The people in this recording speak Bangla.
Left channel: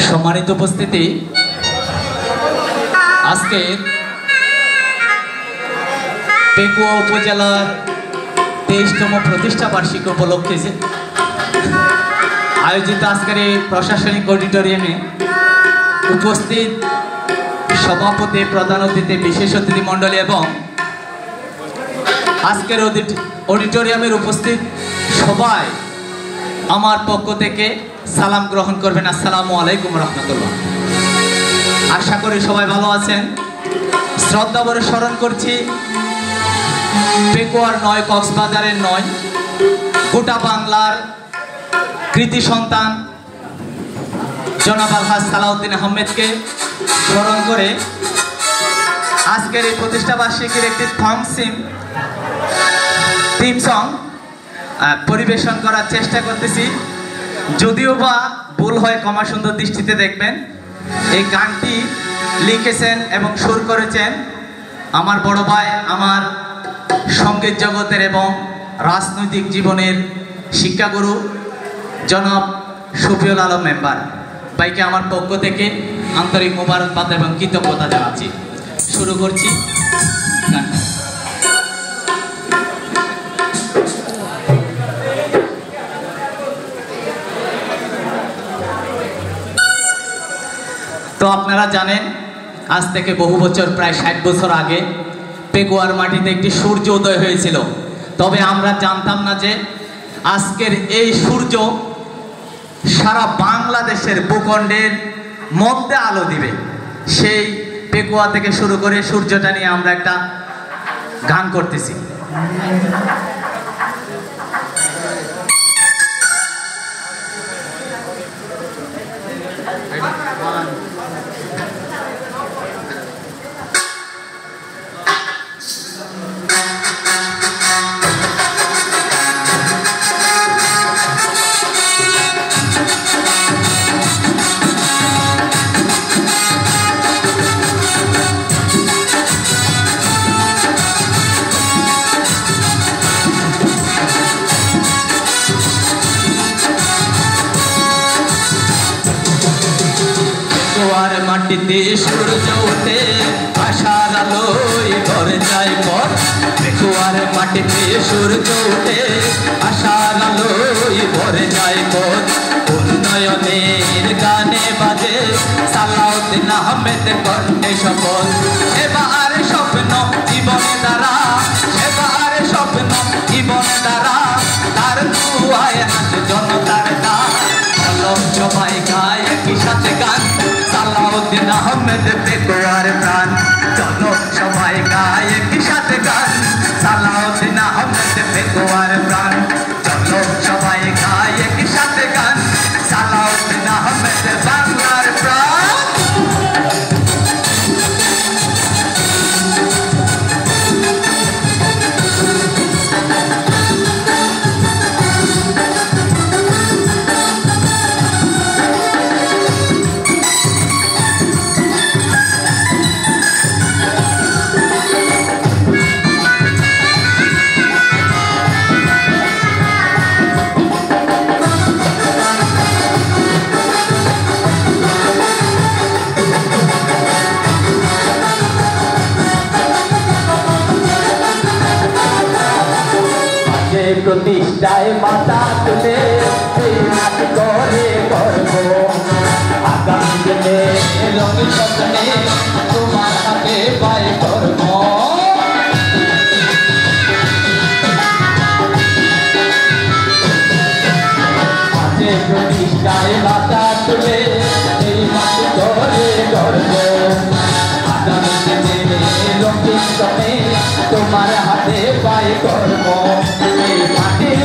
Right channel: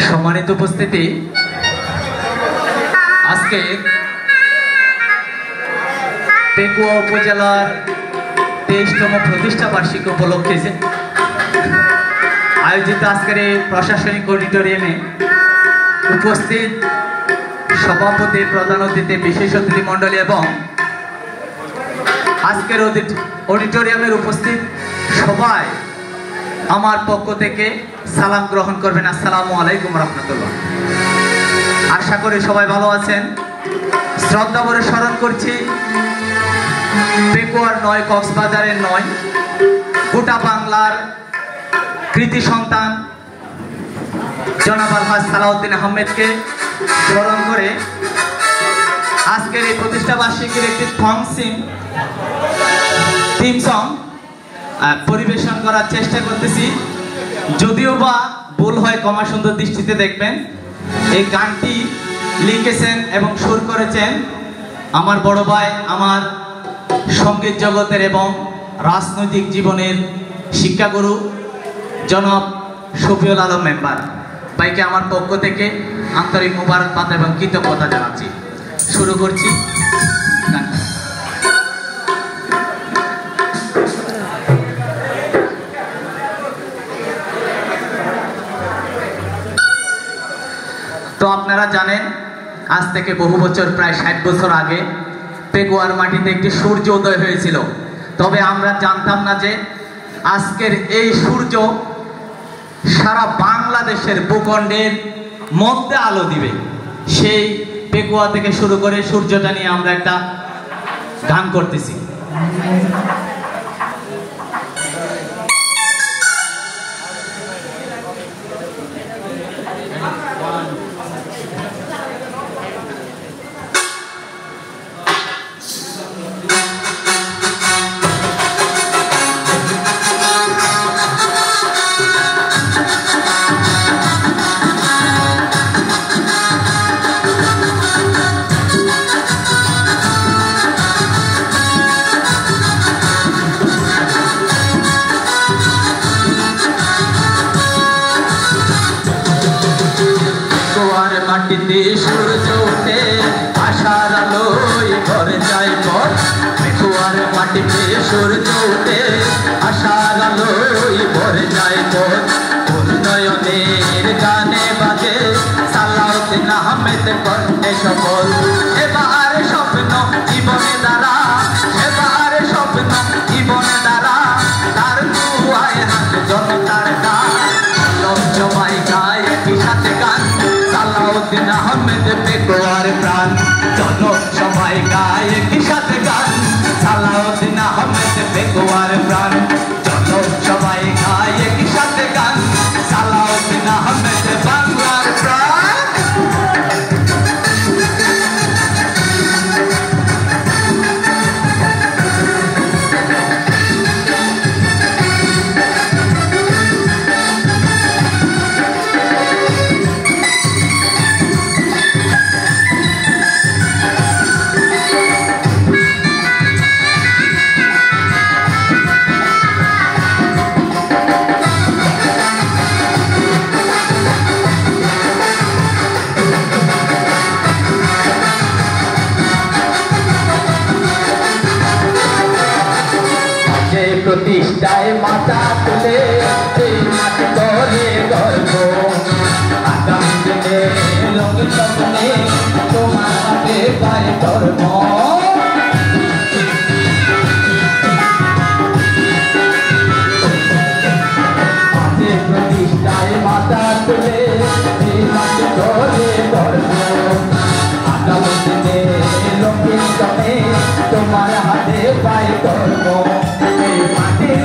সম্মানিত উপস্থিতি, আজকে পেকুয়া উপজেলার 23তম প্রতিষ্ঠা বার্ষিকী উপলক্ষে আয়োজিত আজকের এই প্রশাসনিক অডিটোরিয়ামে উপস্থিত সভাপতি, প্রধান অতিথি, বিশেষ অতিথি মণ্ডলী এবং আজকের অডিটোরিয়ামের উপস্থিত সবাই আমার পক্ষ থেকে সালাম গ্রহণ করবেন। আসসালামু আলাইকুম রহমতুল্লাহ। আশা করি সবাই ভালো আছেন। শ্রদ্ধা ভরে স্মরণ করছি পেকুয়ার নয়, কক্সবাজারের নয়, গোটা বাংলার কৃতি সন্তান জনাব আলহাজ সালাউদ্দিন আহমেদকে স্মরণ করে আজকের এই প্রতিষ্ঠা বার্ষিকীর একটি থিম সং পরিবেশন করার চেষ্টা করতেছি। যদিও বা ভুল হয় ক্ষমা সুন্দর দৃষ্টিতে দেখবেন। এই গানটি লিখেছেন এবং সুর করেছেন আমার বড় ভাই, আমার সঙ্গীত জগতের এবং রাজনৈতিক জীবনের শিক্ষাগুরু জনাব শফিউল আলম মেম্বার ভাইকে আমার পক্ষ থেকে আন্তরিক মোবারকবাদ এবং কৃতজ্ঞতা জানাচ্ছি। শুরু করছি গান। তো আপনারা জানেন, আজ থেকে বহু বছর, প্রায় 60 বছর আগে পেকুয়ার মাটিতে একটি সূর্য উদয় হয়েছিল। তবে আমরা জানতাম না যে আজকের এই সূর্য সারা বাংলাদেশের ভূখণ্ডের মধ্যে আলো দিবে। সেই পেকুয়া থেকে শুরু করে সূর্যটা নিয়ে আমরা একটা গান করতেছি। সূর্য উঠে আশার আলোয় ঘরে যাই ঘর, পেকুয়ার মাটিতে সূর্য উঠে আশার আলোয় ঘরে যাই ঘর। উন্নয়নের গানে বাজে সালাউদ্দিন আহমেদ কণ্ঠে সফল। এবার স্বপ্ন জীবনে দ্বারা, এবার স্বপ্ন জীবনে দ্বারা, তার দুয়ায় হাত জনতার গান। সবাই গায় একই সাথে গান, সালাউদ্দিন আহমেদ পেকুয়ার প্রাণ। চলো সবাই গায় একই সাথে গান, সালাউদ্দিন আহমেদ পেকুয়ার প্রাণ। চলো সবাই গায় একই সাথে গান, সালাউদ্দিন আহমেদ বাংলার প্রাণ। প্রতিষ্ঠায় মাথা তুলে এই মাটি করে গর্ব, আগামী দিনে লোকের স্বপ্নে তোমার সাথে পায় ধর্ম। প্রতিষ্ঠায় মাথা তুলে এই মাটি করে গর্ব, আগামী দিনে লোকের স্বপ্নে তোমার হাতে পায় গর্ব। মাটির